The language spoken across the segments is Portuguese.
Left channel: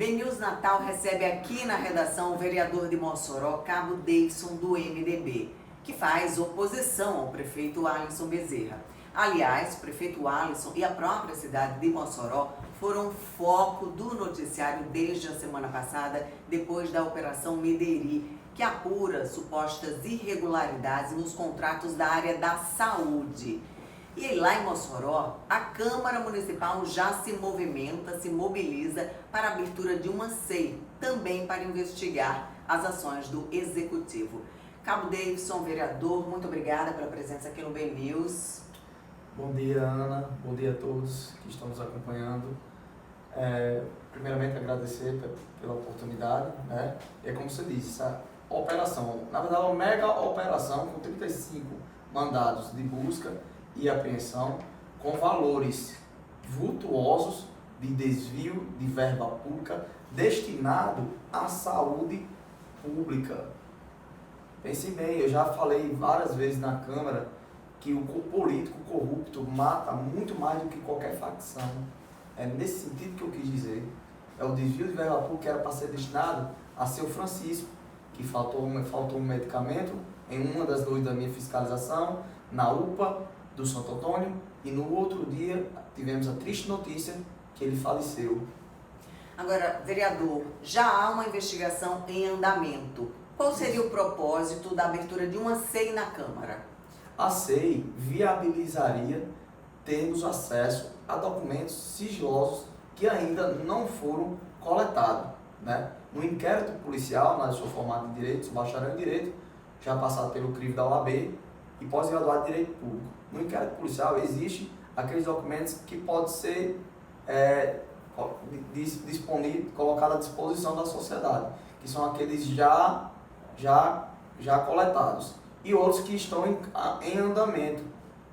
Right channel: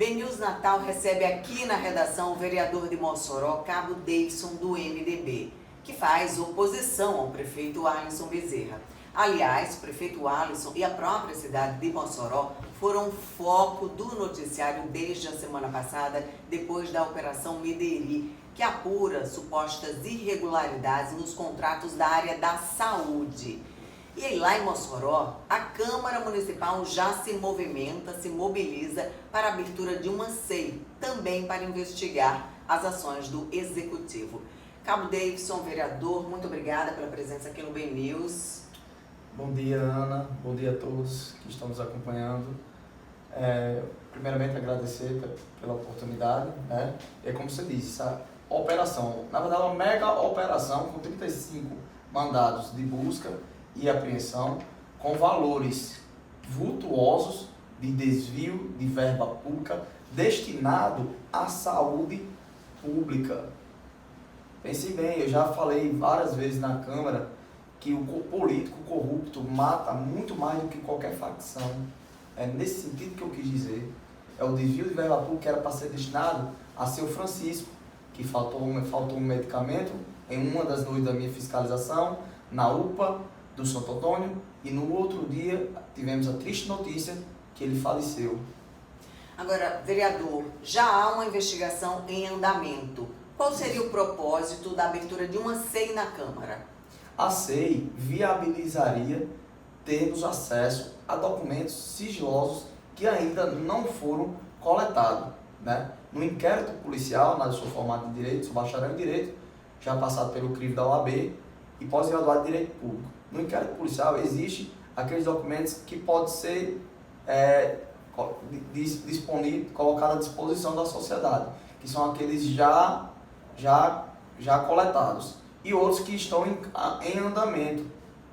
BNews Natal recebe aqui na redação o vereador de Mossoró, Cabo Davidson, do MDB, que faz oposição ao prefeito Alisson Bezerra. Aliás, o prefeito Alisson e a própria cidade de Mossoró foram foco do noticiário desde a semana passada, depois da Operação Mederi, que apura supostas irregularidades nos contratos da área da saúde. E aí, lá em Mossoró, a Câmara Municipal já se movimenta, se mobiliza para a abertura de uma CEI, também para investigar as ações do Executivo. Cabo Davidson, vereador, muito obrigada pela presença aqui no BNews. Bom dia, Ana. Bom dia a todos que estão nos acompanhando. Primeiramente, agradecer pela oportunidade, né? É como você disse, essa operação, na verdade, uma mega operação com 35 mandados de busca e apreensão, com valores vultuosos de desvio de verba pública destinado à saúde pública. Pense bem, eu já falei várias vezes na Câmara que o político corrupto mata muito mais do que qualquer facção. É nesse sentido que eu quis dizer. É o desvio de verba pública que era para ser destinado a seu Francisco, que faltou um medicamento em uma das noites da minha fiscalização, na UPA do Santo Antônio, e no outro dia tivemos a triste notícia que ele faleceu. Agora, vereador, já há uma investigação em andamento. Qual seria o propósito da abertura de uma CEI na Câmara? A CEI viabilizaria termos acesso a documentos sigilosos que ainda não foram coletados, né? No inquérito policial, na sua formada em Direito, sou bacharel em Direito, já passado pelo crivo da OAB e pós-graduado em Direito Público. No inquérito policial existe aqueles documentos que podem ser colocados à disposição da sociedade, que são aqueles já coletados, e outros que estão em andamento.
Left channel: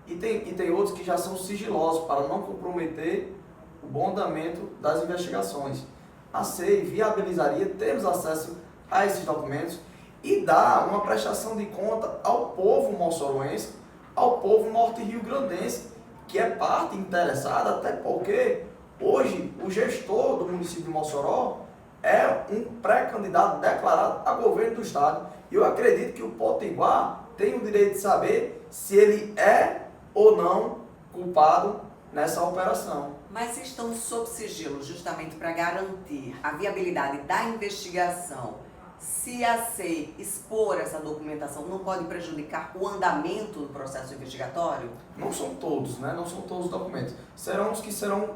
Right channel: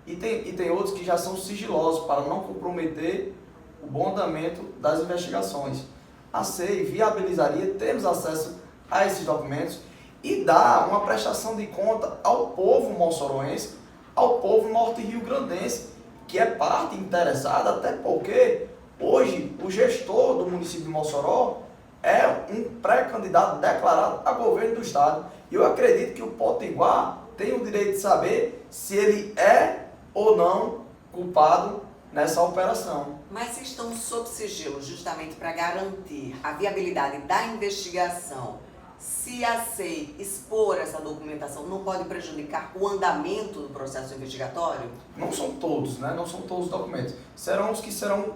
E tem outros que já são sigilosos, para não comprometer o bom andamento das investigações. A CEI viabilizaria termos acesso a esses documentos e dar uma prestação de conta ao povo moçoroense, ao povo norte-riograndense, que é parte interessada, até porque hoje o gestor do município de Mossoró é um pré-candidato declarado a governo do estado. E eu acredito que o Potiguar tem o direito de saber se ele é ou não culpado nessa operação. Mas se estão sob sigilo justamente para garantir a viabilidade da investigação, se a CEI expor essa documentação, não pode prejudicar o andamento do processo investigatório? Não são todos, né? Não são todos os documentos. Serão os que serão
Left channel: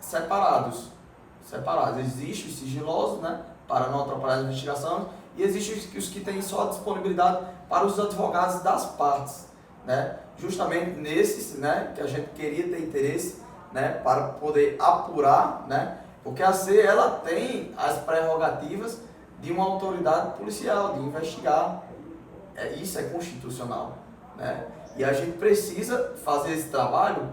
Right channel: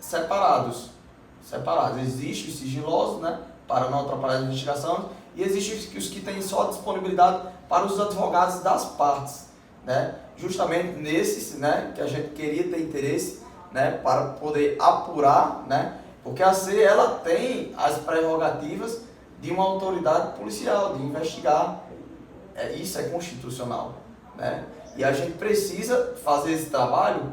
separados. Existem os sigilosos, né? Para não atrapalhar as investigações, e existem os que têm só disponibilidade para os advogados das partes, né? Justamente nesses, né, que a gente queria ter interesse, né, para poder apurar, né? Porque a CEI, ela tem as prerrogativas de uma autoridade policial, de investigar. Isso é constitucional, né? E a gente precisa fazer esse trabalho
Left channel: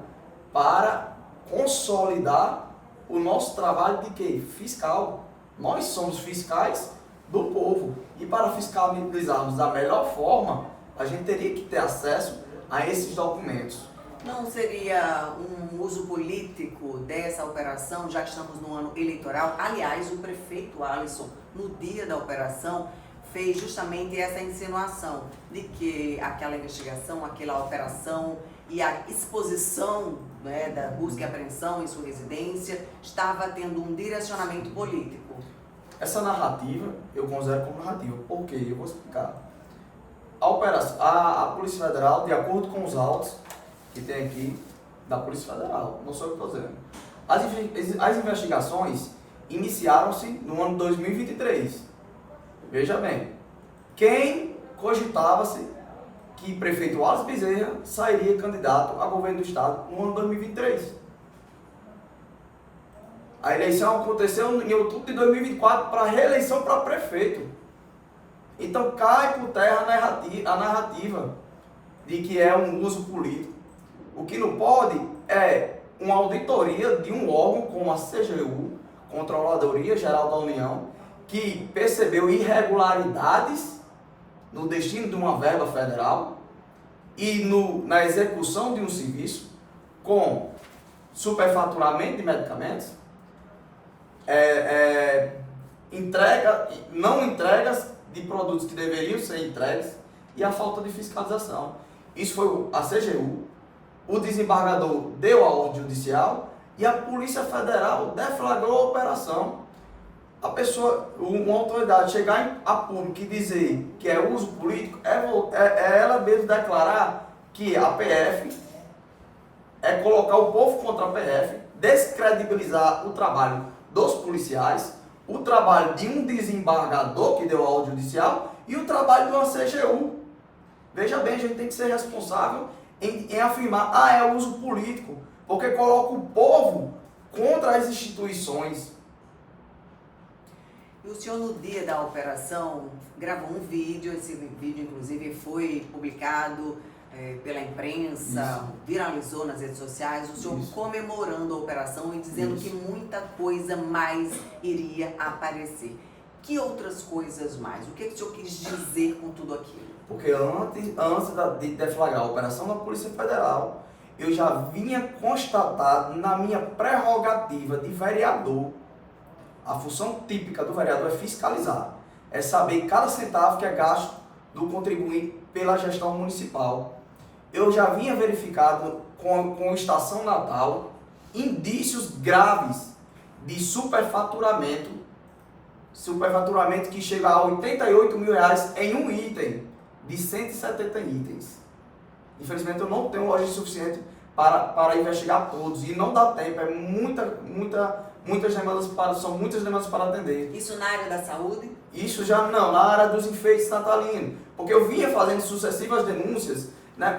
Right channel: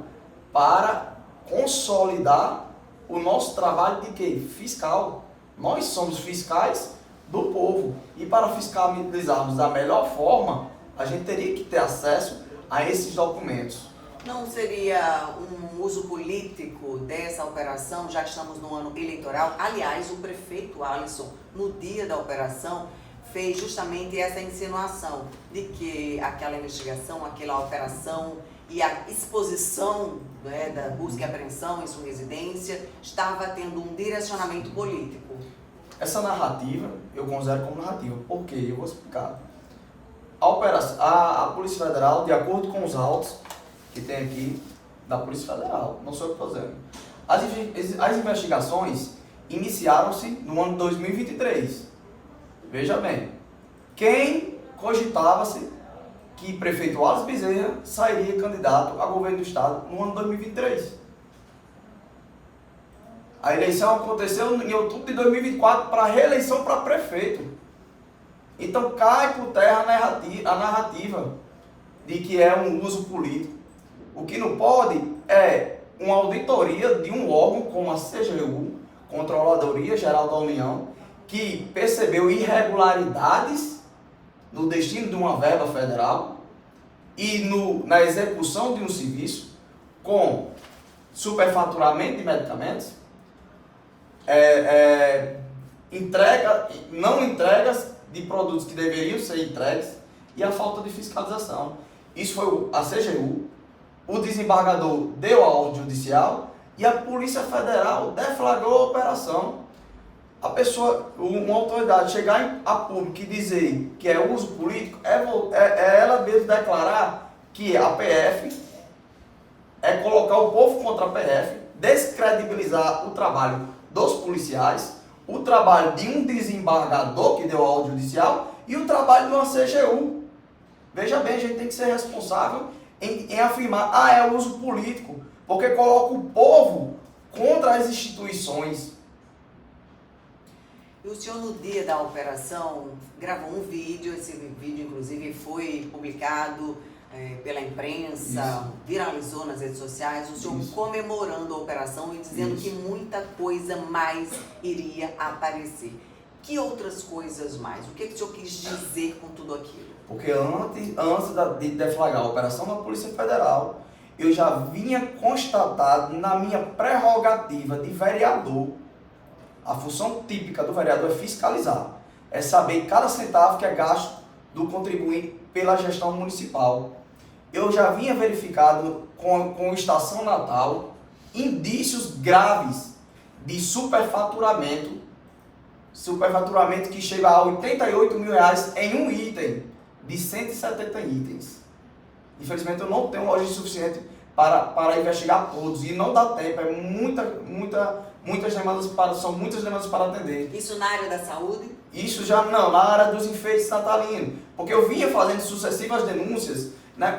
para consolidar o nosso trabalho de quê? Fiscal. Nós somos fiscais do povo. E para fiscalizarmos da melhor forma, a gente teria que ter acesso a esses documentos. Não seria um uso político dessa operação, já que estamos no ano eleitoral? Aliás, o prefeito Alisson, no dia da operação, fez justamente essa insinuação de que aquela investigação, aquela operação e a exposição, né, da busca e apreensão em sua residência estava tendo um direcionamento político. Essa narrativa eu considero como narrativa. Por quê? Eu vou explicar. A Polícia Federal, de acordo com os autos que tem aqui da Polícia Federal, não sou eu que estou dizendo, as investigações iniciaram-se no ano 2023. Veja bem, quem cogitava-se que prefeito Alisson Bezerra sairia candidato a governo do estado no ano 2023? A eleição aconteceu em outubro de 2024 para a reeleição para prefeito. Então cai por terra a narrativa de que é um uso político. O que não pode é uma auditoria de um órgão como a CGU, Controladoria Geral da União, que percebeu irregularidades no destino de uma verba federal e na execução de um serviço com superfaturamento de medicamentos, não entregas de produtos que deveriam ser entregues e a falta de fiscalização. Isso foi a CGU, o desembargador deu a ordem judicial e a Polícia Federal deflagrou a operação. A pessoa, uma autoridade chegar a público e dizer que é uso político, é ela mesmo declarar que a PF é colocar o povo contra a PF, descredibilizar o trabalho dos policiais, o trabalho de um desembargador que deu a ordem judicial e o trabalho de uma CGU. Veja bem, a gente tem que ser responsável em afirmar, é uso político, porque coloca o povo contra as instituições. E o senhor, no dia da operação, gravou um vídeo, esse vídeo, inclusive, foi publicado pela imprensa, viralizou nas redes sociais, o senhor comemorando a operação e dizendo que muita coisa mais iria aparecer. Que outras coisas mais? O que o senhor quis dizer com tudo aquilo? Porque antes de deflagrar a operação da Polícia Federal, eu já vinha constatado na minha prerrogativa de vereador. A função típica do vereador é fiscalizar, é saber cada centavo que é gasto do contribuinte pela gestão municipal. Eu já vinha verificado com Estação Natal indícios graves de superfaturamento que chega a R$88 mil em um item de 170 itens. Infelizmente eu não tenho logística suficiente para investigar todos e não dá tempo, são muitas demandas para atender. Isso na área da saúde? Isso já não, na área dos enfeites natalinos, porque eu vinha fazendo sucessivas denúncias, né?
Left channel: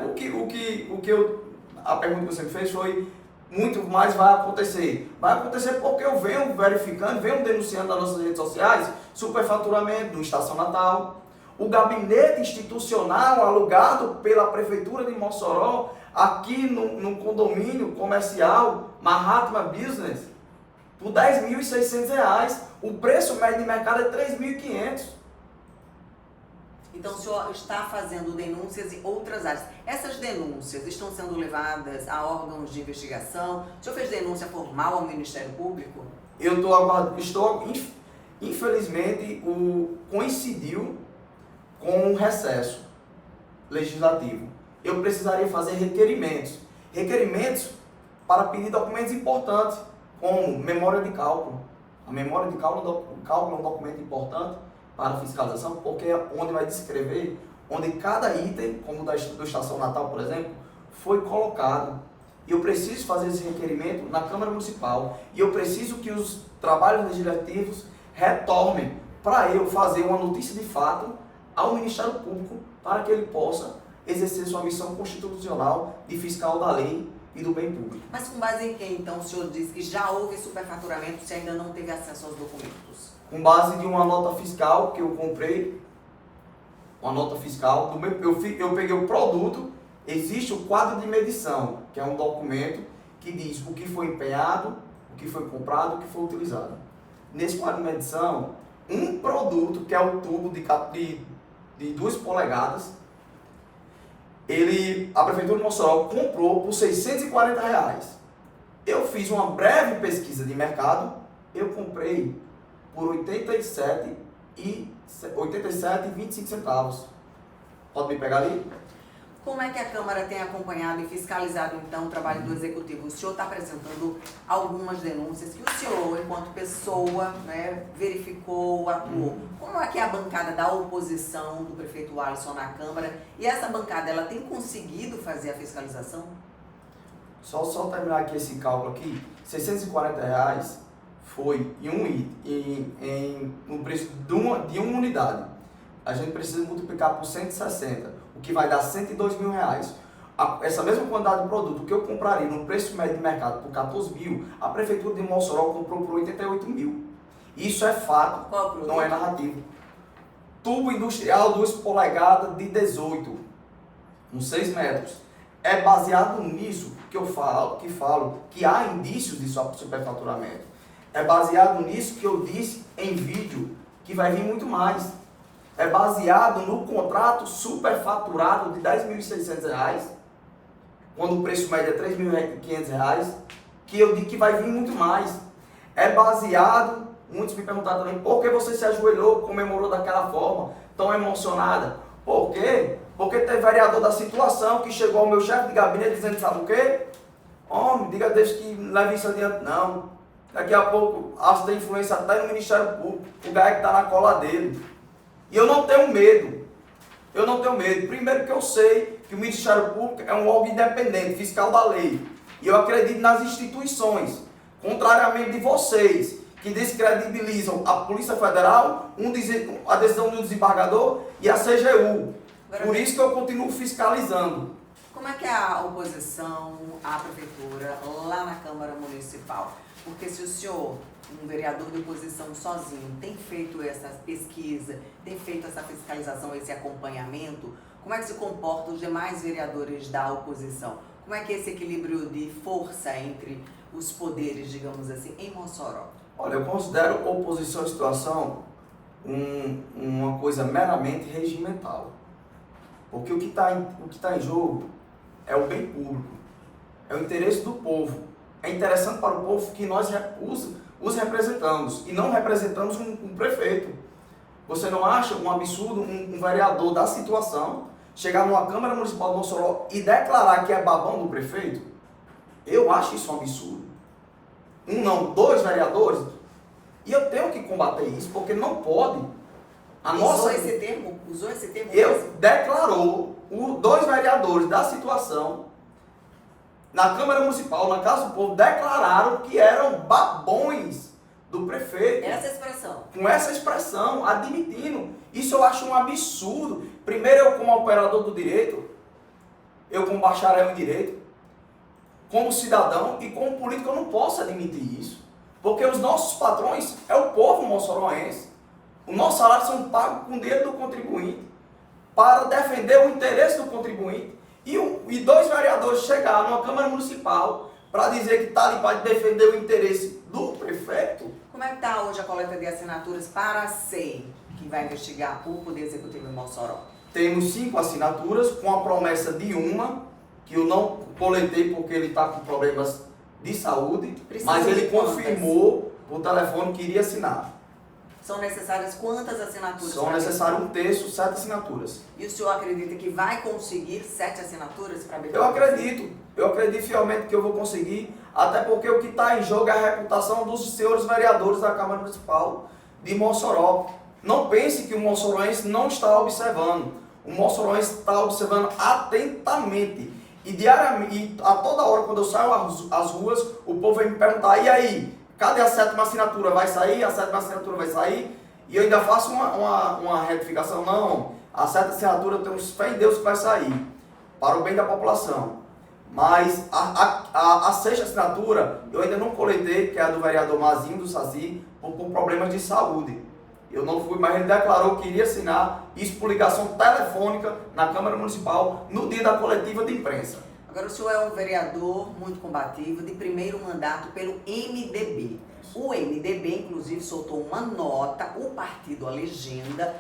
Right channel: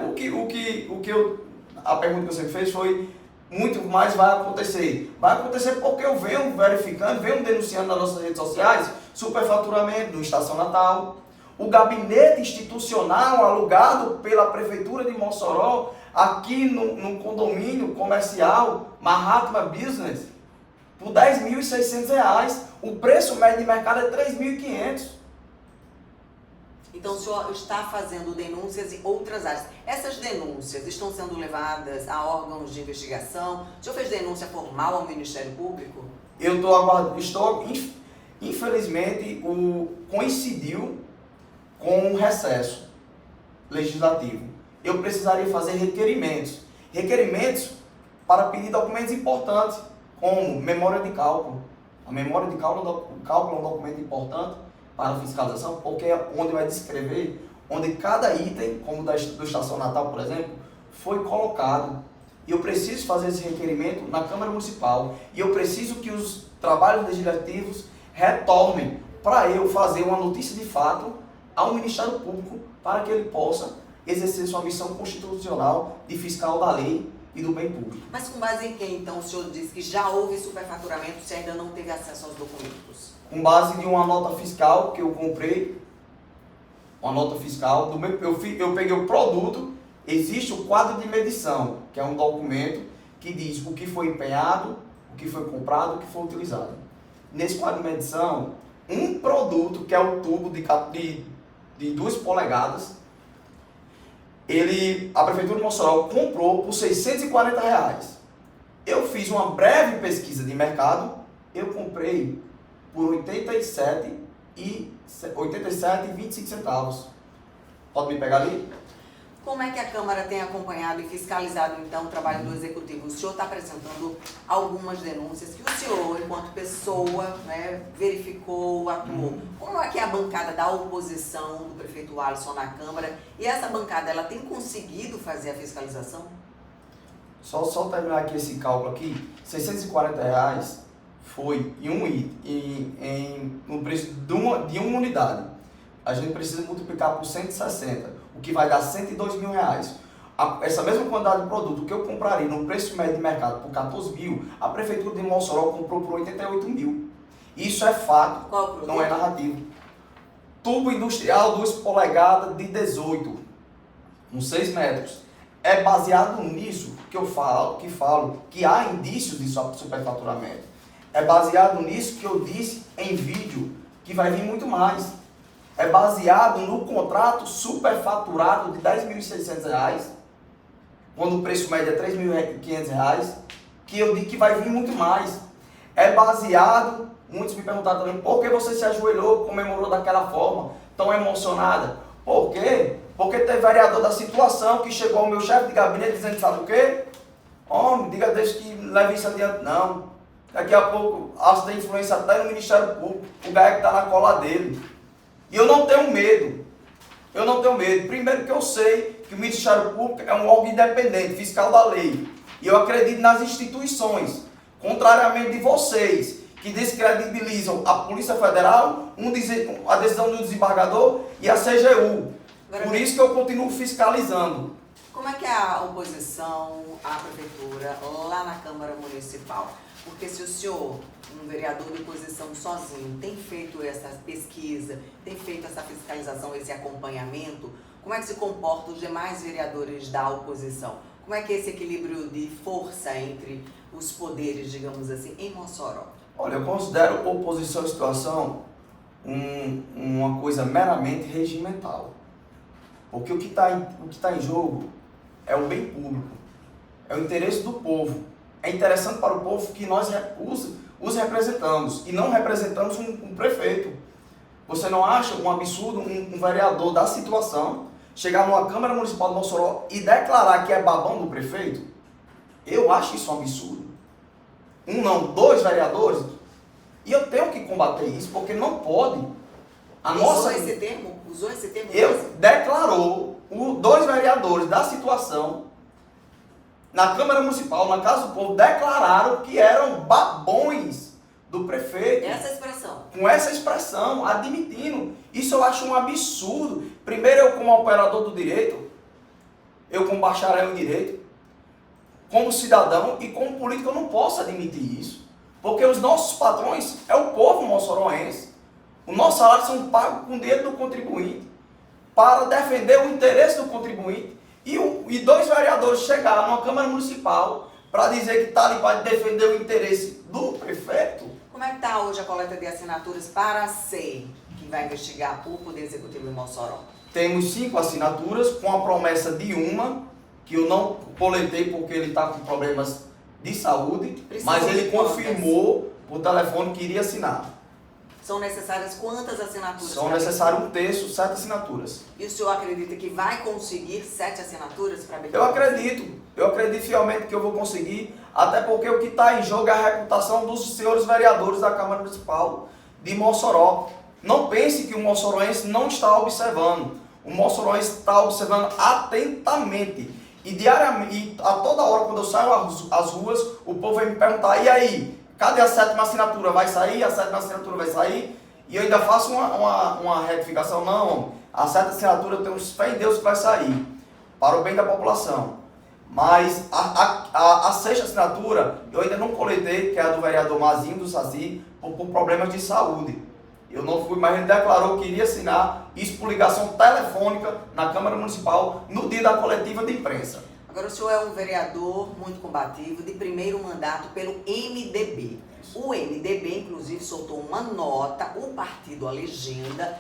A pergunta que você fez foi: muito mais vai acontecer. Vai acontecer porque eu venho verificando, venho denunciando nas nossas redes sociais superfaturamento do Estação Natal, o gabinete institucional alugado pela Prefeitura de Mossoró, aqui no condomínio comercial Mahatma Business, por R$10.600. O preço médio de mercado é R$3.500. Então o senhor está fazendo denúncias em outras áreas. Essas denúncias estão sendo levadas a órgãos de investigação? O senhor fez denúncia formal ao Ministério Público? Eu infelizmente, coincidiu com um recesso legislativo. Eu precisaria fazer requerimentos para pedir documentos importantes, como memória de cálculo. A memória de cálculo é um documento importante para a fiscalização, porque é onde vai descrever onde cada item, como do Estação Natal, por exemplo, foi colocado. E eu preciso fazer esse requerimento na Câmara Municipal. E eu preciso que os trabalhos legislativos retornem para eu fazer uma notícia de fato ao Ministério Público para que ele possa exercer sua missão constitucional de fiscal da lei e do bem público. Mas com base em que, então, o senhor diz que já houve superfaturamento se ainda não teve acesso aos documentos? Com base de uma nota fiscal que eu comprei, uma nota fiscal, eu peguei o produto, existe o quadro de medição, que é um documento que diz o que foi empenhado, o que foi comprado, o que foi utilizado. Nesse quadro de medição, um produto, que é o tubo de 2 polegadas, a Prefeitura de Mossoró comprou por R$640. Eu fiz uma breve pesquisa de mercado, eu comprei por R$87,25. Pode me pegar ali? Como é que a Câmara tem acompanhado e fiscalizado, então, o trabalho do Executivo? O senhor está apresentando algumas denúncias que o senhor, enquanto pessoa, né, verificou, atuou. Como é que é a bancada da oposição do prefeito Alisson na Câmara? E essa bancada, ela tem conseguido fazer a fiscalização? Só terminar aqui esse cálculo aqui. R$640 foi no preço de uma unidade. A gente precisa multiplicar por 160, o que vai dar R$102 mil. Essa mesma quantidade de produto que eu compraria no preço médio de mercado por 14 mil, a Prefeitura de Mossoró comprou por 88 mil. Isso é fato, não é narrativo. Tubo industrial 2 polegadas de 18, com 6 metros. É baseado nisso que eu falo que há indícios de superfaturamento. É baseado nisso que eu disse em vídeo, que vai vir muito mais. É baseado no contrato superfaturado de R$10.600, quando o preço médio é R$3.500, que eu digo que vai vir muito mais. é baseado, muitos me perguntaram também, por que você se ajoelhou, comemorou daquela forma, tão emocionada? Por quê? Porque tem vereador da situação que chegou ao meu chefe de gabinete dizendo, sabe o quê? Homem, diga a Deus que leve isso adiante. Não. Daqui a pouco, acho que tem influência até no Ministério Público, o Gaia que está na cola dele. E eu não tenho medo. Eu não tenho medo. Primeiro que eu sei que o Ministério Público é um órgão independente, fiscal da lei. E eu acredito nas instituições. Contrariamente de vocês, que descredibilizam a Polícia Federal, a decisão do desembargador e a CGU. Por isso que eu continuo fiscalizando. Como é que é a oposição à prefeitura lá na Câmara Municipal? Porque se o senhor, um vereador de oposição sozinho, tem feito essa pesquisa, tem feito essa fiscalização, esse acompanhamento, como é que se comportam os demais vereadores da oposição? Como é que é esse equilíbrio de força entre os poderes, digamos assim, em Mossoró? Olha, eu considero oposição à situação uma coisa meramente regimental. Porque o que está em jogo é o bem público, é o interesse do povo. É interessante para o povo que nós os representamos e não representamos um prefeito. Você não acha um absurdo um vereador da situação chegar numa Câmara Municipal de Mossoró e declarar que é babão do prefeito? Eu acho isso um absurdo. Um não, dois vereadores. E eu tenho que combater isso, porque não pode. Usou esse termo? Declarou dois vereadores da situação na Câmara Municipal, na Casa do Povo, declararam que eram babões do prefeito. Essa expressão. Com essa expressão, admitindo. Isso eu acho um absurdo. Primeiro, eu como operador do direito, eu como bacharel em direito, como cidadão e como político, eu não posso admitir isso. Porque os nossos patrões é o povo moçoroense. Os nossos salários são pagos com o dinheiro do contribuinte para defender o interesse do contribuinte. E dois vereadores chegaram numa Câmara Municipal para dizer que está ali para defender o interesse do prefeito. Como é que está hoje a coleta de assinaturas para a SEI, que vai investigar o Poder Executivo em Mossoró? Temos 5 assinaturas, com a promessa de uma, que eu não coletei porque ele está com problemas de saúde, mas ele confirmou por telefone que iria assinar. São necessárias quantas assinaturas? São necessárias 1/3, 7 assinaturas. E o senhor acredita que vai conseguir 7 assinaturas para abertura? Eu acredito fielmente que eu vou conseguir, até porque o que está em jogo é a reputação dos senhores vereadores da Câmara Municipal de Mossoró. Não pense que o moçoroense não está observando. O moçoroense está observando atentamente. E diariamente, e a toda hora, quando eu saio às ruas, o povo vem me perguntar, e aí? Cadê a 7ª assinatura? Vai sair? A 7ª assinatura vai sair? E eu ainda faço uma retificação. Não, a 7ª assinatura eu tenho fé em Deus que vai sair, para o bem da população. Mas a 6ª assinatura eu ainda não coletei, que é a do vereador Mazinho do Saci, por problemas de saúde. Eu não fui, mas ele declarou que iria assinar isso por ligação telefônica na Câmara Municipal no dia da coletiva de imprensa. Agora, o senhor é um vereador muito combativo, de primeiro mandato pelo MDB. O MDB, inclusive, soltou uma nota, o partido, a legenda,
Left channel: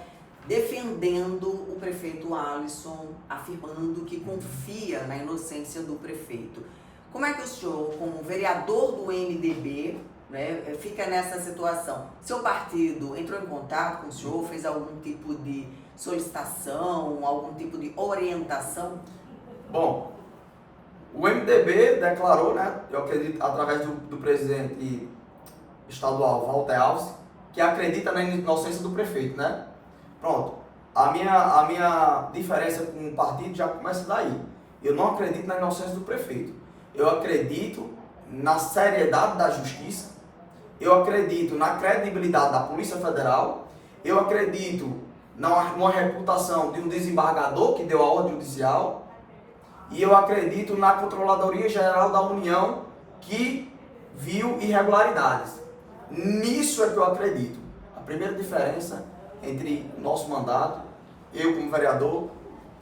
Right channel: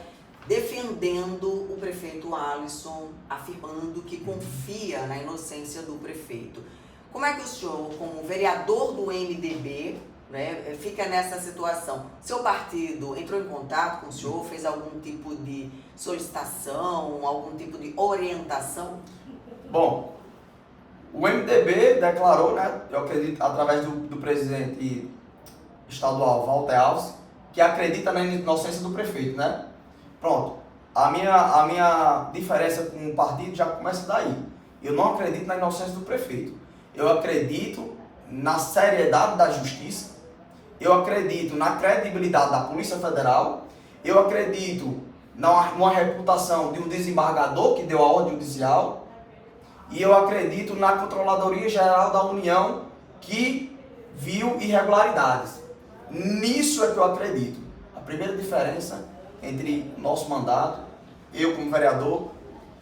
defendendo o prefeito Alisson, afirmando que confia na inocência do prefeito. Como é que o senhor, como vereador do MDB, né, fica nessa situação? Seu partido entrou em contato com o senhor, fez algum tipo de solicitação, algum tipo de orientação? Bom, o MDB declarou, né, eu acredito, através do presidente estadual, Walter Alves, que acredita na inocência do prefeito, né? Pronto. A minha diferença com o partido já começa daí. Eu não acredito na inocência do prefeito. Eu acredito na seriedade da justiça. Eu acredito na credibilidade da Polícia Federal. Eu acredito numa reputação de um desembargador que deu a ordem judicial. E eu acredito na Controladoria Geral da União, que viu irregularidades. Nisso é que eu acredito. A primeira diferença entre o nosso mandato, eu como vereador,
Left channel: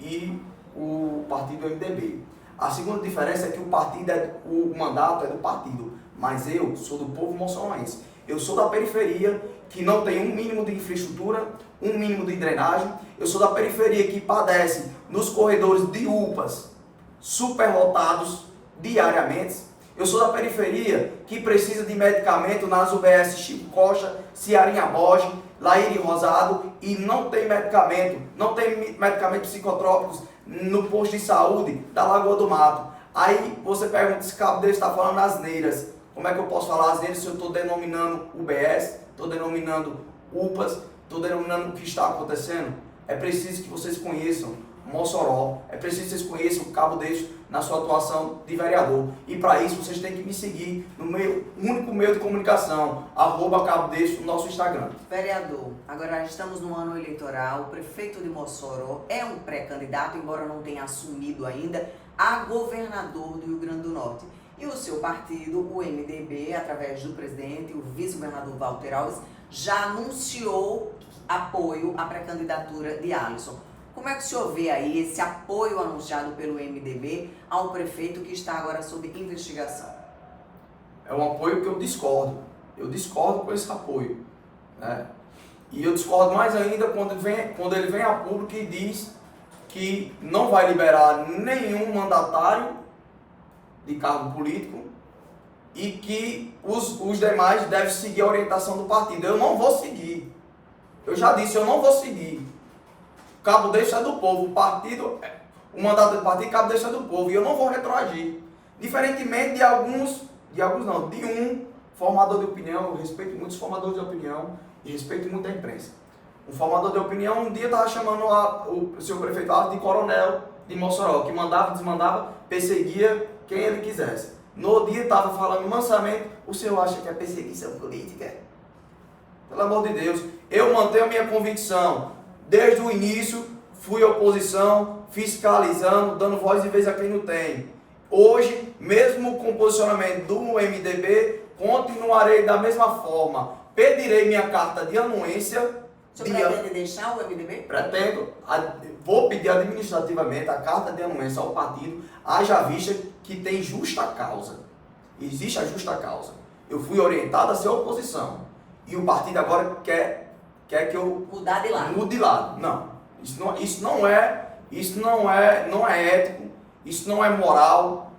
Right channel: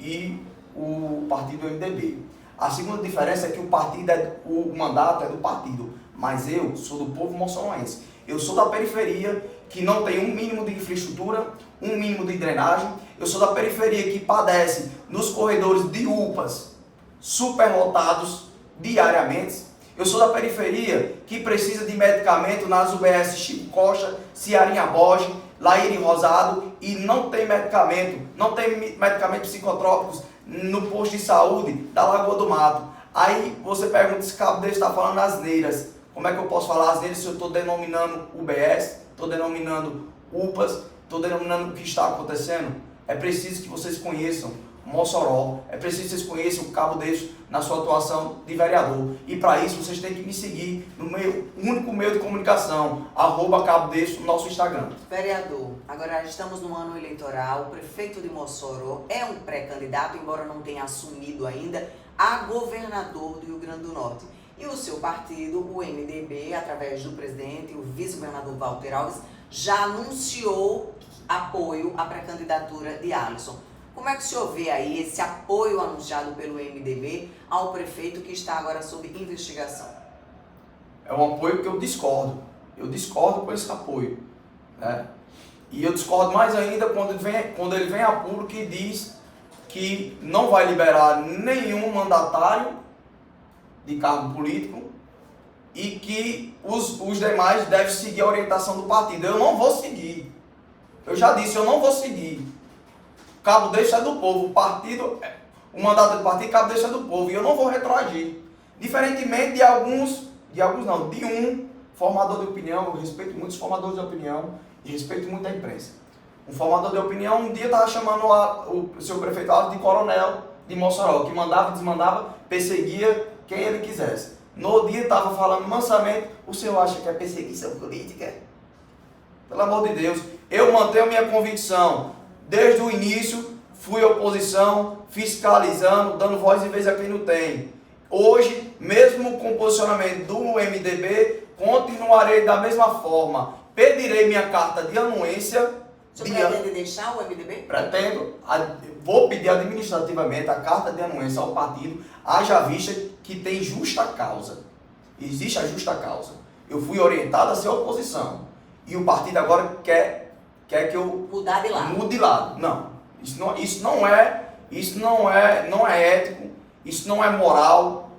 e o partido MDB. A segunda diferença é que o mandato é do partido, mas eu sou do povo moçoroense. Eu sou da periferia, que não tem um mínimo de infraestrutura, um mínimo de drenagem. Eu sou da periferia que padece nos corredores de UPAs superlotados diariamente. Eu sou da periferia que precisa de medicamento nas UBS Chico Costa, Ciarinha Borges, Laíre Rosado e não tem medicamentos psicotrópicos no posto de saúde da Lagoa do Mato. Aí você pergunta se Cabo Deles está falando asneiras. Como é que eu posso falar asneiras se eu estou denominando UBS, estou denominando UPAs, estou denominando o que está acontecendo? É preciso que vocês conheçam Mossoró, é preciso que vocês conheçam o Cabo Deles na sua atuação de vereador. E para isso vocês têm que me seguir no meu único meio de comunicação, @Cabo Deles, no nosso Instagram. Vereador, agora estamos no ano eleitoral, o prefeito de Mossoró é um pré-candidato, embora não tenha assumido ainda, a governador do Rio Grande do Norte. E o seu partido, o MDB, através do presidente, o vice-governador Walter Alves, já anunciou apoio à pré-candidatura de Alisson. Como é que o senhor vê aí esse apoio anunciado pelo MDB ao prefeito que está agora sob investigação? É um apoio que eu discordo. Eu discordo com esse apoio, né? E eu discordo mais ainda quando ele vem a público e diz que não vai liberar nenhum mandatário de cargo político e que os demais devem seguir a orientação do partido. Eu não vou seguir. Eu já disse, eu não vou seguir. Cabo Deles é do povo, o mandato do partido, Cabo Deles é do povo, e eu não vou retroagir. Diferentemente de um formador de opinião, eu respeito muitos formadores de opinião e respeito muito a imprensa. Um formador de opinião um dia estava chamando o seu prefeito de coronel de Mossoró, que mandava, desmandava, perseguia quem ele quisesse. No dia estava falando mansamente, o senhor acha que é perseguição política? Pelo amor de Deus, eu mantenho a minha convicção. Desde o início, fui oposição, fiscalizando, dando voz e vez a quem não tem. Hoje, mesmo com o posicionamento do MDB, continuarei da mesma forma. Pedirei minha carta de anuência. O senhor pretende deixar o MDB? Pretendo. Vou pedir administrativamente a carta de anuência ao partido, haja vista que tem justa causa. Existe a justa causa. Eu fui orientado a ser oposição. E o partido agora quer que eu mudar de lado. Mude de lado. Não. Isso não é ético, isso não é moral,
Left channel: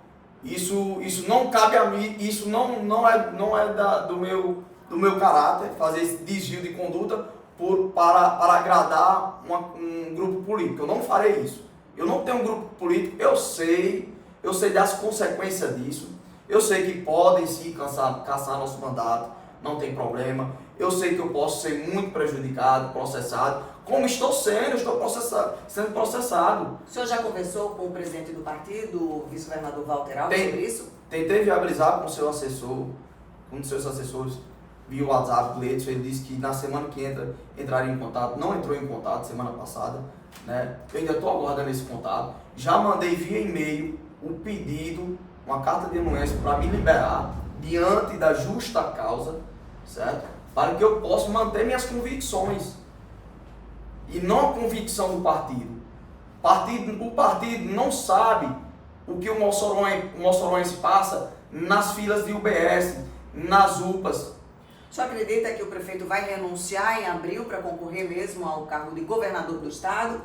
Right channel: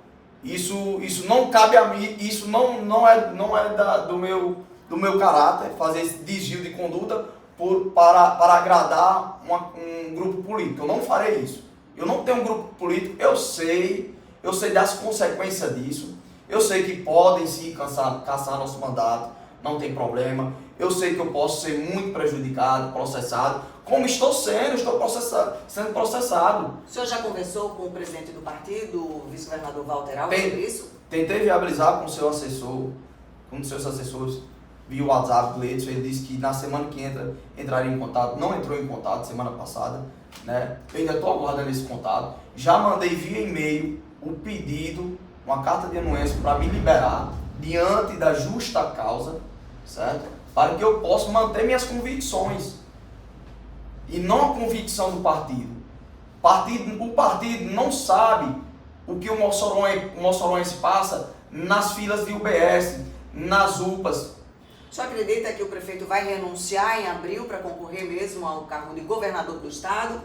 isso não cabe a mim, isso não é do meu caráter, fazer esse desvio de conduta para agradar um grupo político. Eu não farei isso. Eu não tenho um grupo político, eu sei das consequências disso, eu sei que podem sim caçar nosso mandato, não tem problema. Eu sei que eu posso ser muito prejudicado, processado, como estou sendo processado. O senhor já conversou com o presidente do partido, o vice-governador Walter Alves, sobre isso? Tentei viabilizar com o seu assessor, com um dos seus assessores, via o WhatsApp do Leite. Ele disse que na semana que entraria em contato, não entrou em contato semana passada, né? Eu ainda estou aguardando esse contato. Já mandei via e-mail um pedido, uma carta de anuência para me liberar diante da justa causa, certo? Para que eu possa manter minhas convicções e não a convicção do partido. O partido não sabe o que o moçoroense passa nas filas de UBS, nas UPAs. O senhor acredita que o prefeito vai renunciar em abril para concorrer mesmo ao cargo de governador do estado?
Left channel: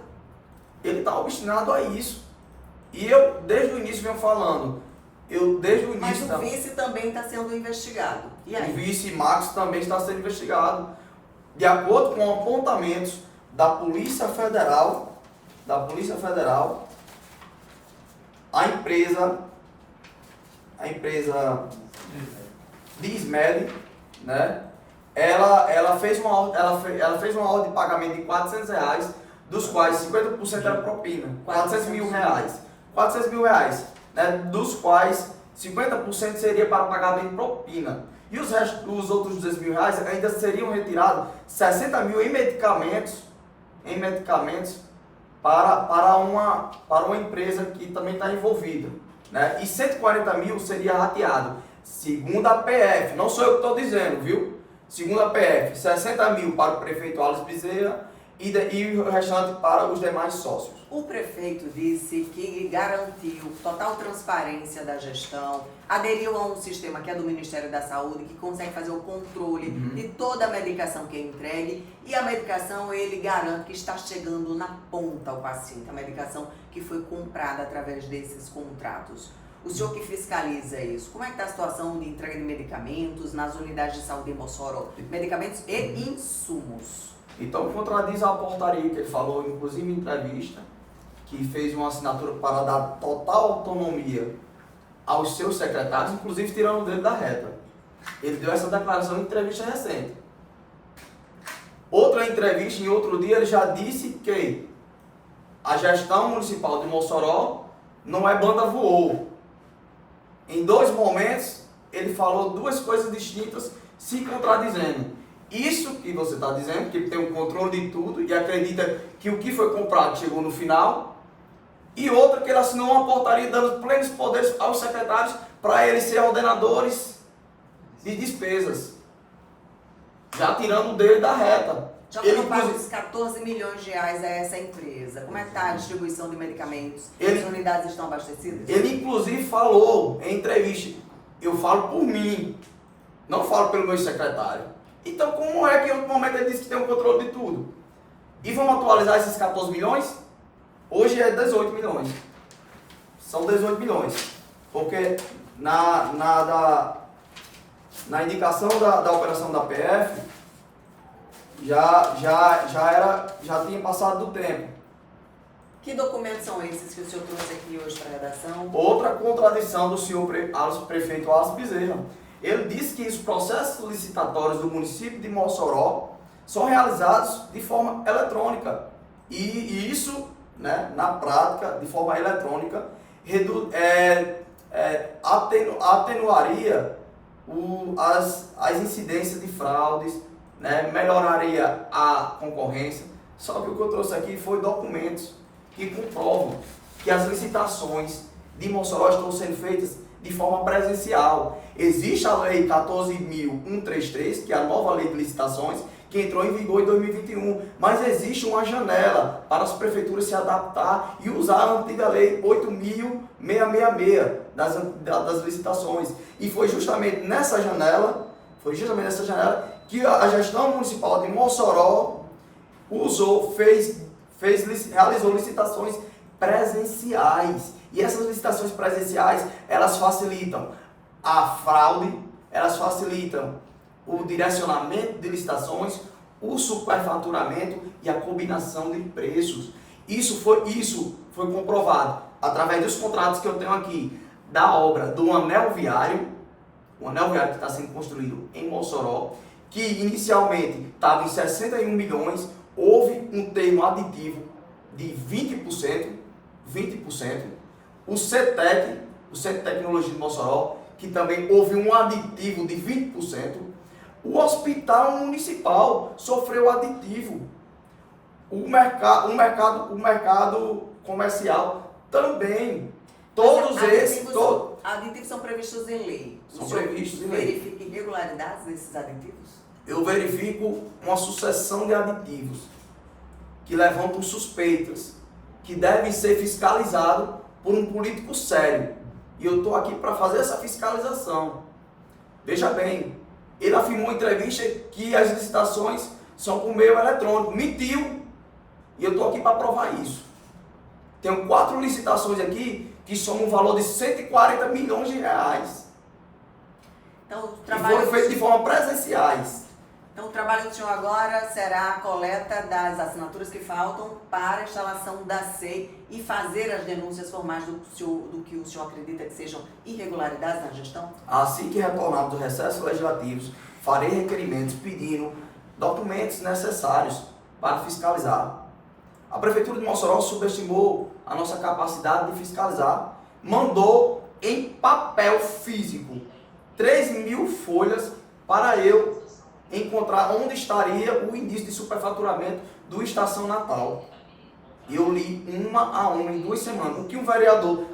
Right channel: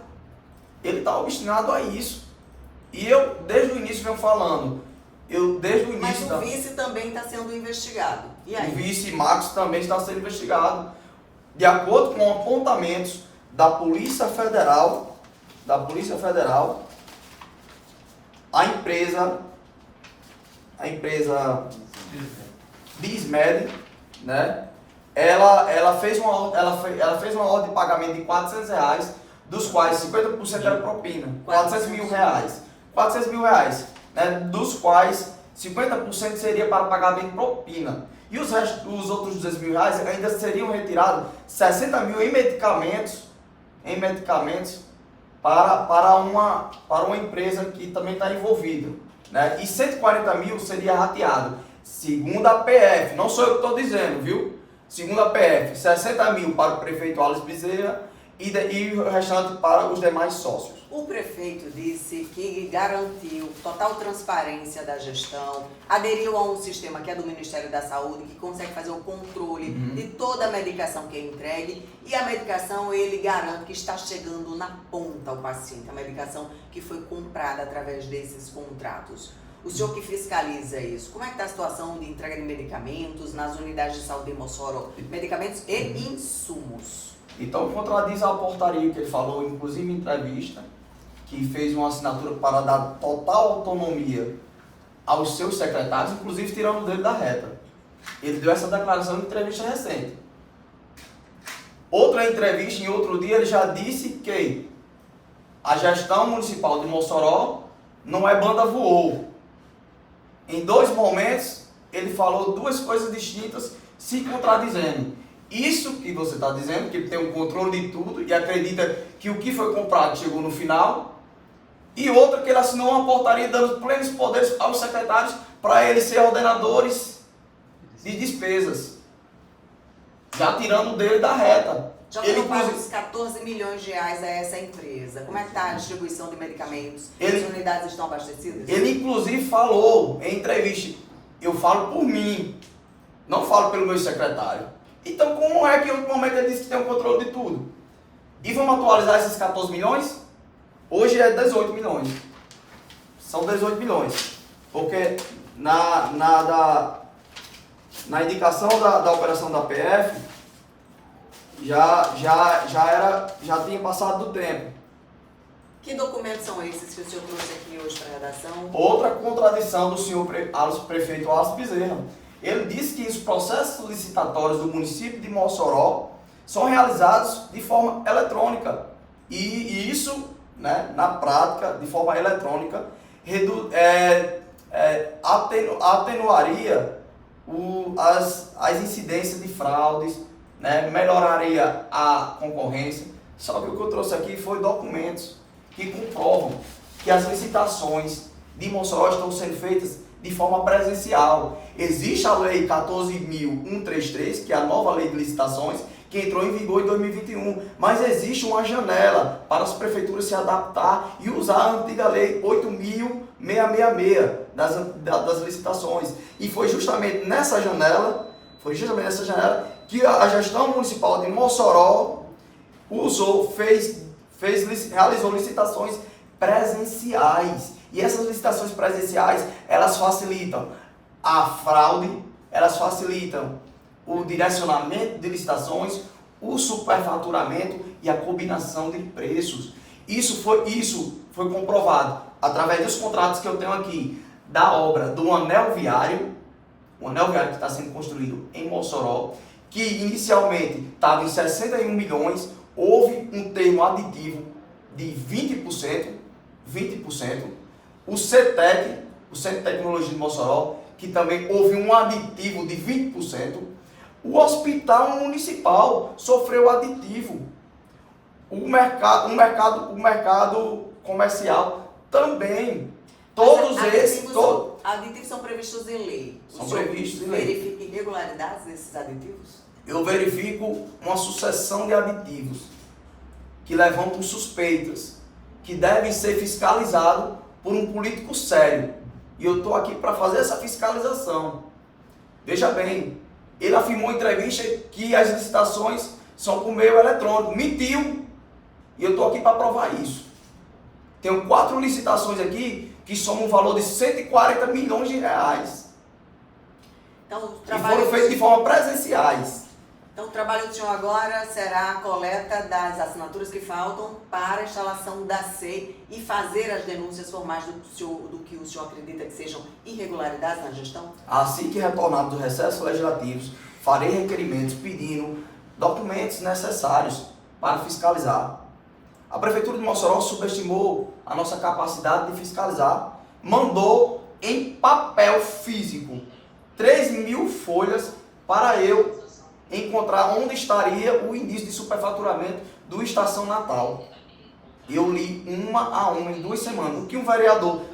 Ele está obstinado a isso. E eu, desde o início, venho falando. Mas o vice também está sendo investigado. E aí? O vice Marcos também está sendo investigado. De acordo com apontamentos da Polícia Federal, a empresa Dismed, né? Ela fez uma ordem de pagamento de R$400, dos quais 50% era propina. 400 mil reais. 400 mil reais. Né, dos quais 50% seria para pagamento de propina. E os outros 200 mil reais ainda seriam retirados 60 mil em medicamentos para uma empresa que também está envolvida. Né? E 140 mil seria rateado. Segundo a PF, não sou eu que estou dizendo, viu? Segundo a PF, 60 mil para o prefeito Alisson Bezerra e o restante para os demais sócios. O prefeito disse que garantiu total transparência da gestão, aderiu a um sistema que é do Ministério da Saúde, que consegue fazer o controle de toda a medicação que é entregue, e a medicação ele garante que está chegando na ponta ao paciente, a medicação que foi comprada através desses contratos. O senhor que fiscaliza isso, como é que está a situação de entrega de medicamentos nas unidades de saúde de Mossoró? Medicamentos e insumos. Então, contradiz a portaria que ele falou, inclusive em entrevista, que fez uma assinatura para dar total autonomia aos seus secretários, inclusive tirando dele da reta. Ele deu essa declaração em entrevista recente. Outra entrevista, em outro dia, ele já disse que a gestão municipal de Mossoró não é banda voou. Em 2 momentos, ele falou 2 coisas distintas, se contradizendo. Isso que você está dizendo, que ele tem um controle de tudo e acredita que o que foi comprado chegou no final. E outra, que ele assinou uma portaria dando plenos poderes aos secretários para eles serem ordenadores de despesas. Já tirando dele da reta. Já foram pagos 14 milhões de reais a essa empresa. Como é que está a distribuição de medicamentos? As unidades estão abastecidas? Ele inclusive falou em entrevista, eu falo por mim, não falo pelo meu secretário. Então como é que em outro momento ele disse que tem um controle de tudo? E vamos atualizar esses 14 milhões? Hoje é 18 milhões. São 18 milhões. Porque na indicação da operação da PF, já tinha passado do tempo. Que documentos são esses que o senhor trouxe aqui hoje para a redação? Outra contradição do senhor prefeito Alisson Bezerra. Ele disse que os processos licitatórios do município de Mossoró são realizados de forma eletrônica. E isso, né, na prática, de forma eletrônica, atenuaria as incidências de fraudes, né, melhoraria a concorrência. Só que o que eu trouxe aqui foi documentos que comprovam que as licitações de Mossoró estão sendo feitas de forma presencial. Existe a Lei 14.133, que é a nova lei de licitações, que entrou em vigor em 2021, mas existe uma janela para as prefeituras se adaptar e usar a antiga Lei 8.666 das licitações. E foi justamente nessa janela que a gestão municipal de Mossoró realizou licitações presenciais. E essas licitações presenciais, elas facilitam a fraude, elas facilitam o direcionamento de licitações, o superfaturamento e a combinação de preços. Isso foi comprovado através dos contratos que eu tenho aqui da obra do anel viário, o anel viário que está sendo construído em Mossoró, que inicialmente estava em 61 milhões, houve um termo aditivo de 20%, o CETEC, o Centro de Tecnologia de Mossoró, que também houve um aditivo de 20%, o Hospital Municipal sofreu aditivo, o mercado comercial também. Todos esses... Aditivos são previstos em lei. São previstos em lei. Verifica irregularidades desses aditivos? Eu verifico uma sucessão de aditivos que levantam suspeitas, que devem ser fiscalizados por um político sério. E eu estou aqui para fazer essa fiscalização. Veja bem, ele afirmou em entrevista que as licitações são por meio eletrônico. Mentiu! E eu estou aqui para provar isso. Tenho 4 licitações aqui que somam um valor de 140 milhões de reais. Então, e foram feitos de forma presenciais. Então, o trabalho do senhor agora será a coleta das assinaturas que faltam para a instalação da SEI e fazer as denúncias formais do que o senhor acredita que sejam irregularidades na gestão? Assim que retornar dos recessos legislativos, farei requerimentos pedindo documentos necessários para fiscalizar. A Prefeitura de Mossoró subestimou a nossa capacidade de fiscalizar, mandou em papel físico 3.000 folhas para eu encontrar onde estaria o indício de superfaturamento do Estação Natal. Eu li uma a uma em 2 semanas. O que um vereador,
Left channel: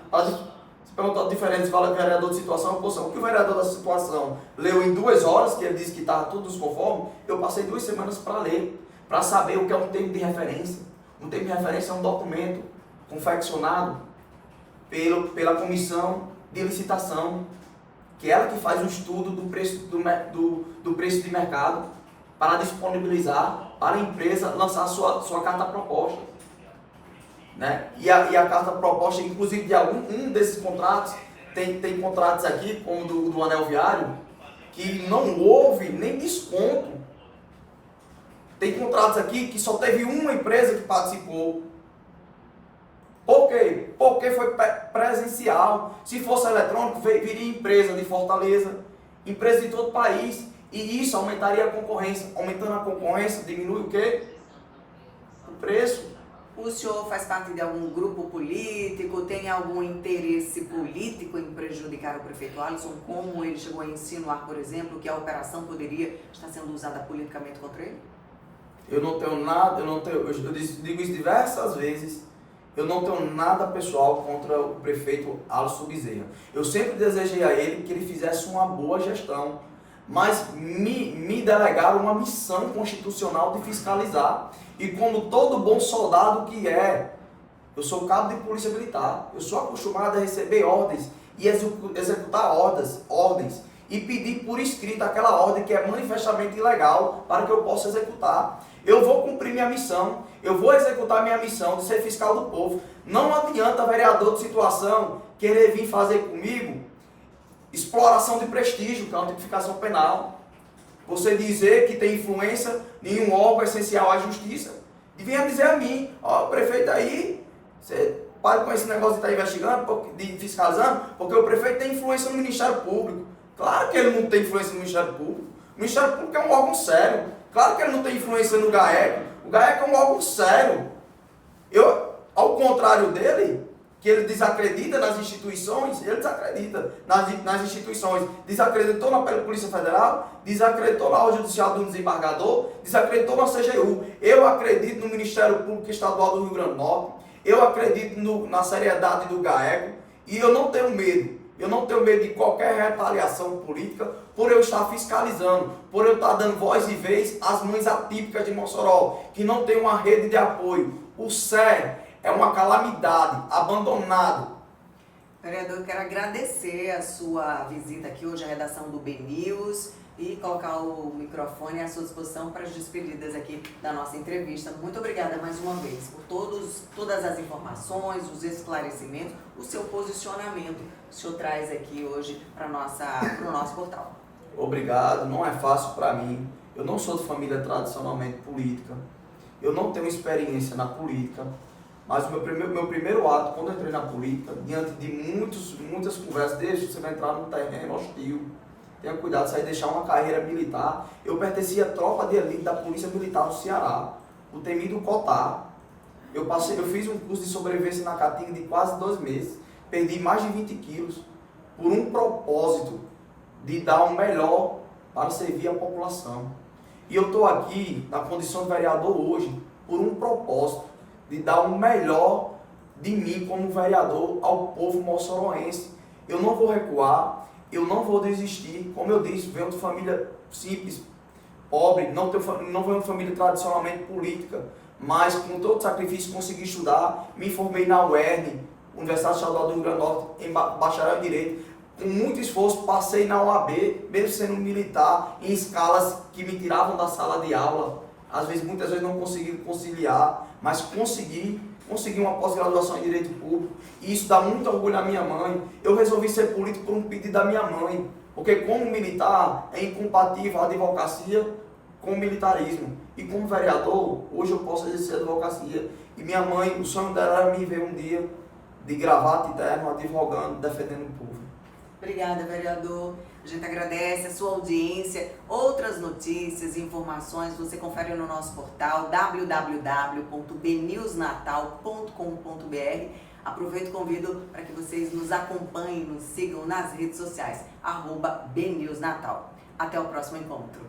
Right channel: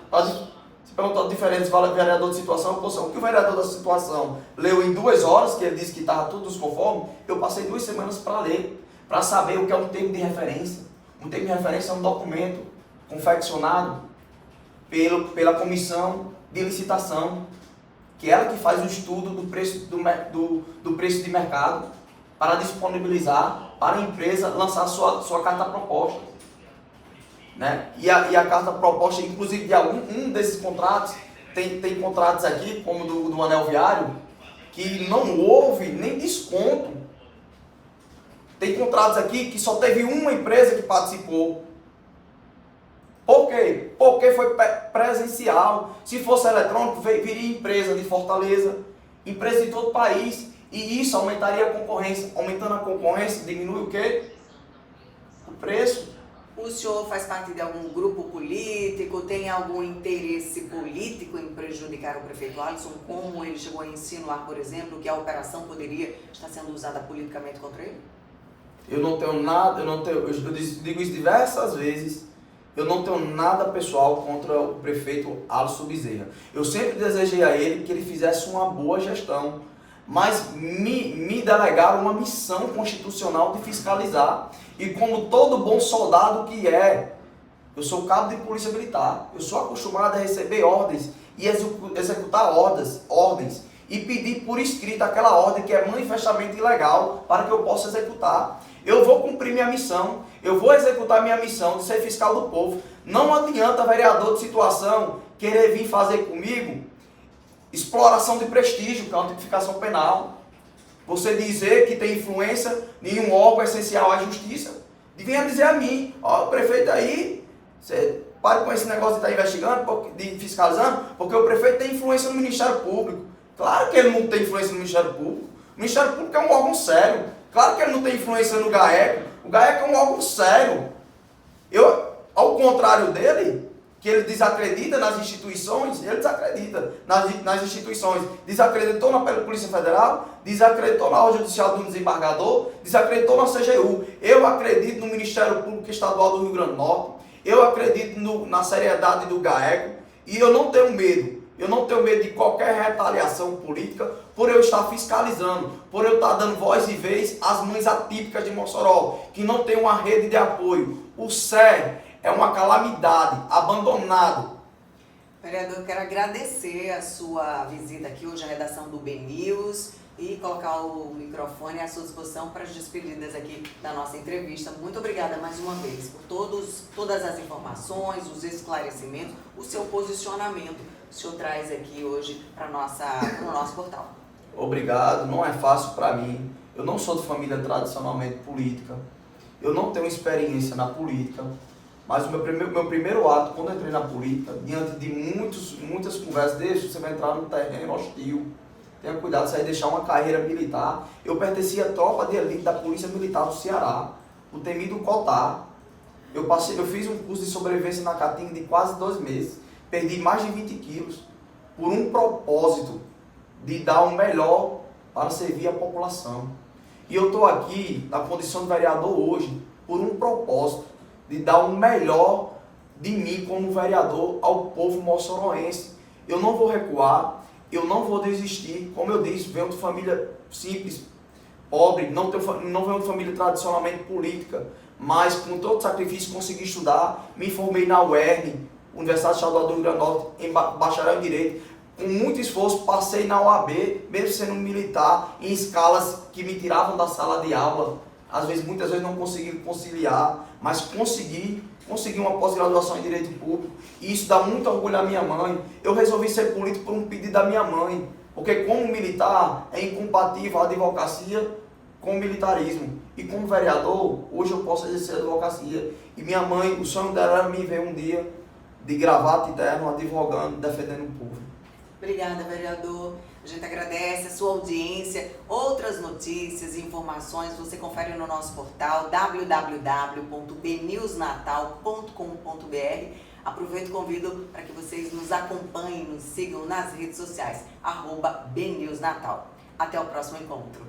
se perguntar a diferença, fala vereador de situação e oposição. O que o vereador da situação leu em 2 horas, que ele disse que estava tudo conforme, eu passei 2 semanas para ler, para saber o que é um termo de referência. Um termo de referência é um documento confeccionado pela comissão de licitação, que é ela que faz o estudo do preço de mercado para disponibilizar para a empresa lançar a sua carta proposta. Né? E a carta proposta, inclusive de um desses contratos, tem contratos aqui, como do Anel Viário, que não houve nem desconto. Tem contratos aqui que só teve uma empresa que participou. Por quê? Porque foi presencial. Se fosse eletrônico, viria empresa de Fortaleza, empresa de todo o país. E isso aumentaria a concorrência. Aumentando a concorrência, diminui o quê? O preço. O senhor faz parte de algum grupo político? Tem algum interesse político em prejudicar o prefeito Alisson? Como ele chegou a insinuar, por exemplo, que a operação poderia estar sendo usada politicamente contra ele? Eu não tenho nada, eu digo isso diversas vezes. Eu não tenho nada pessoal contra o prefeito Alisson Bezerra. Eu sempre desejei a ele que ele fizesse uma boa gestão, mas me delegaram uma missão constitucional de fiscalizar. E como todo bom soldado que é, eu sou cabo de polícia militar, eu sou acostumado a receber ordens e executar ordens e pedir por escrito aquela ordem que é manifestamente ilegal para que eu possa executar. Eu vou cumprir minha missão, eu vou executar minha missão de ser fiscal do povo. Não adianta, vereador de situação, querer vir fazer comigo exploração de prestígio, que é uma tipificação penal. Você dizer que tem influência em um órgão essencial à justiça, e venha dizer a mim, ó, o prefeito aí, você para com esse negócio de estar investigando, de fiscalizando, porque o prefeito tem influência no Ministério Público. Claro que ele não tem influência no Ministério Público. O Ministério Público é um órgão sério. Claro que ele não tem influência no GAECO. O GAECO é um ólgão sério. Ao contrário dele, que ele desacredita nas instituições, ele desacredita nas instituições. Desacreditou na Polícia Federal, desacreditou na Ordem Judicial do Desembargador, desacreditou na CGU. Eu acredito no Ministério Público Estadual do Rio Grande do Norte, eu acredito na seriedade do GAECO e eu não tenho medo. Eu não tenho medo de qualquer retaliação política por eu estar fiscalizando, por eu estar dando voz e vez às mães atípicas de Mossoró, que não tem uma rede de apoio. O SER é uma calamidade, abandonado. Vereador, eu quero agradecer a sua visita aqui hoje à redação do BNews e colocar o microfone à sua disposição para as despedidas aqui da nossa entrevista. Muito obrigada mais uma vez por todas as informações, os esclarecimentos, o seu posicionamento que o senhor traz aqui hoje para o nosso portal. Obrigado, não é fácil para mim. Eu não sou de família tradicionalmente política, eu não tenho experiência na política, mas o meu primeiro ato, quando eu entrei na política, diante de muitas conversas, você vai entrar num terreno hostil, tenha cuidado, você vai deixar uma carreira militar. Eu pertencia à tropa de elite da Polícia Militar do Ceará, o temido COTAR. Eu fiz um curso de sobrevivência na Caatinga de quase 2 meses, perdi mais de 20 quilos, por um propósito de dar o melhor para servir a população. E eu estou aqui, na condição de vereador hoje, por um propósito de dar o melhor de mim como vereador ao povo moçoroense. Eu não vou recuar, eu não vou desistir. Como eu disse, venho de família simples, pobre, não venho de família tradicionalmente política, mas com todo sacrifício consegui estudar, me formei na UERN, Universidade Estadual do Rio Grande do Norte, em bacharel em Direito. Com muito esforço, passei na OAB, mesmo sendo militar, em escalas que me tiravam da sala de aula. Muitas vezes não consegui conciliar, mas consegui uma pós-graduação em Direito Público. E isso dá muito orgulho à minha mãe. Eu resolvi ser político por um pedido da minha mãe, porque como militar é incompatível a advocacia com o militarismo. E como vereador, hoje eu posso exercer a advocacia. E minha mãe, o sonho dela era me ver um dia de gravata e terno, advogando, defendendo o povo. Obrigada, vereador. A gente agradece a sua audiência. Outras notícias e informações você confere no nosso portal www.bnewsnatal.com.br. Aproveito e convido para que vocês nos acompanhem, nos sigam nas redes sociais, @BNewsNatal. Até o próximo encontro.